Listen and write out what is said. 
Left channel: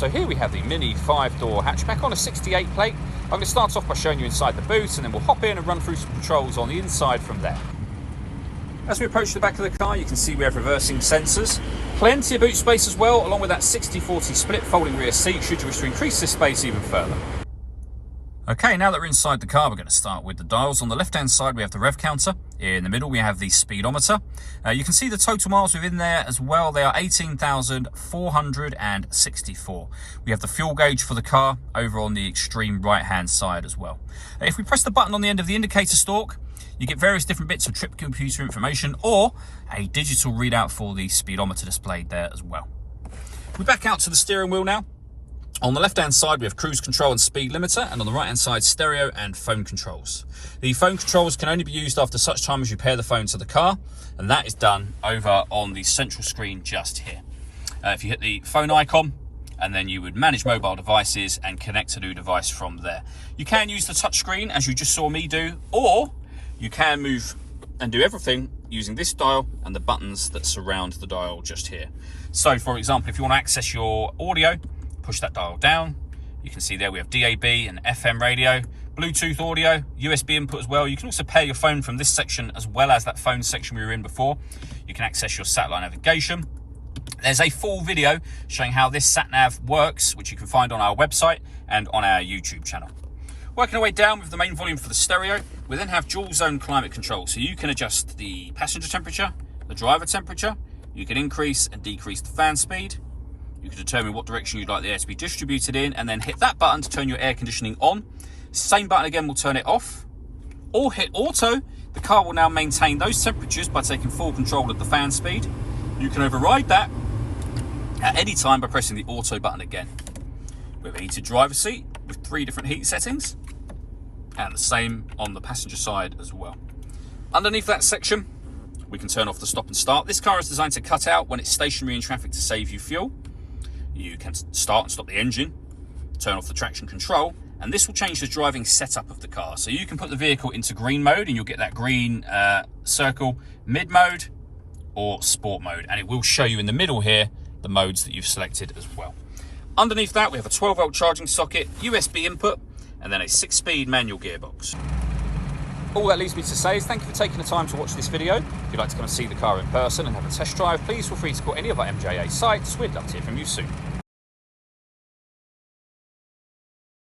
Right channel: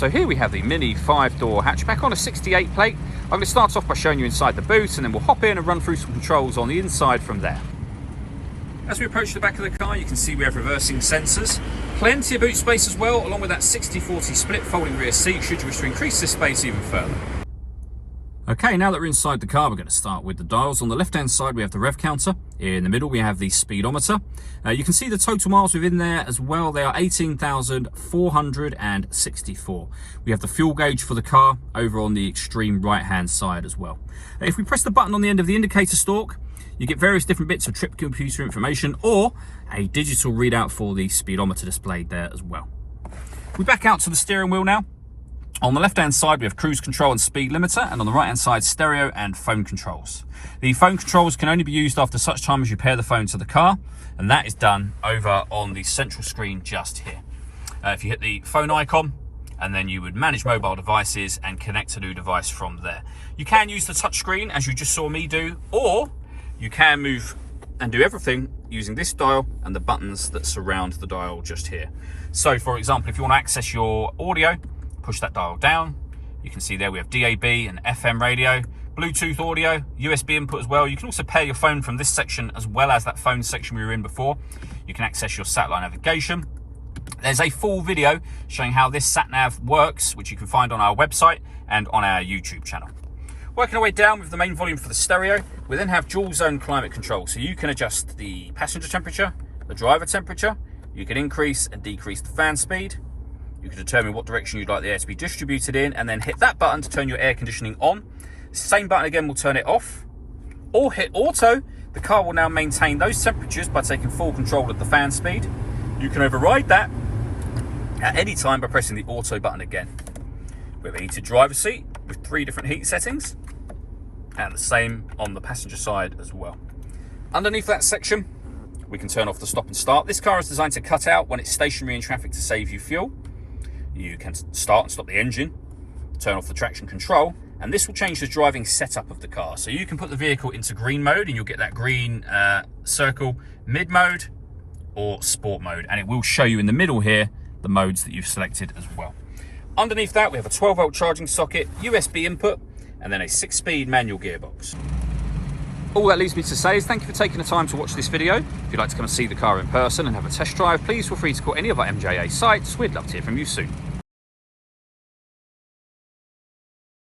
So here we have the Mini 5-door hatchback on a 68 plate. I'm going to start off by showing you inside the boot, and then we'll hop in and run through some controls on the inside from there. As we approach the back of the car, you can see we have reversing sensors. Plenty of boot space as well, along with that 60-40 split folding rear seat should you wish to increase this space even further. Okay, now that we're inside the car, we're going to start with the dials. On the left-hand side, we have the rev counter. In the middle, we have the speedometer. You can see the total miles within there as well. They are 18,464. We have the fuel gauge for the car over on the extreme right-hand side as well. If we press the button on the end of the indicator stalk, you get various different bits of trip computer information or a digital readout for the speedometer displayed there as well. We back out to the steering wheel now. On the left-hand side, we have cruise control and speed limiter, and on the right-hand side, stereo and phone controls. The phone controls can only be used after such time as you pair the phone to the car, and that is done over on the central screen just here. If you hit the phone icon, and then you would manage mobile devices and connect a new device from there. You can use the touch screen, as you just saw me do, or you can move and do everything using this dial and the buttons that surround the dial just here. So, for example, if you want to access your audio, push that dial down. You can see there we have DAB and FM radio, Bluetooth audio, USB input as well. You can also pair your phone from this section as well as that phone section we were in before. You can access your satellite navigation. There's a full video showing how this sat-nav works, which you can find on our website and on our YouTube channel. Working our way down with the main volume for the stereo, we then have dual zone climate control. So you can adjust the passenger temperature, the driver temperature. You can increase and decrease the fan speed. You can determine what direction you'd like the air to be distributed in, and then hit that button to turn your air conditioning on. Same button again will turn it off. Or hit auto. The car will now maintain those temperatures by taking full control of the fan speed. You can override that at any time by pressing the auto button again. We have a heated driver's seat with 3 different heat settings, and the same on the passenger side as well. Underneath that section, we can turn off the stop and start. This car is designed to cut out when it's stationary in traffic to save you fuel. You can start and stop the engine, turn off the traction control, and this will change the driving setup of the car. So you can put the vehicle into green mode and you'll get that green circle, mid mode or sport mode, and it will show you in the middle here the modes that you've selected as well. Underneath that, we have a 12-volt charging socket, USB input, and then a 6-speed manual gearbox. All that leaves me to say is thank you for taking the time to watch this video. If you'd like to come and see the car in person and have a test drive, please feel free to call any of our MJA sites. We'd love to hear from you soon.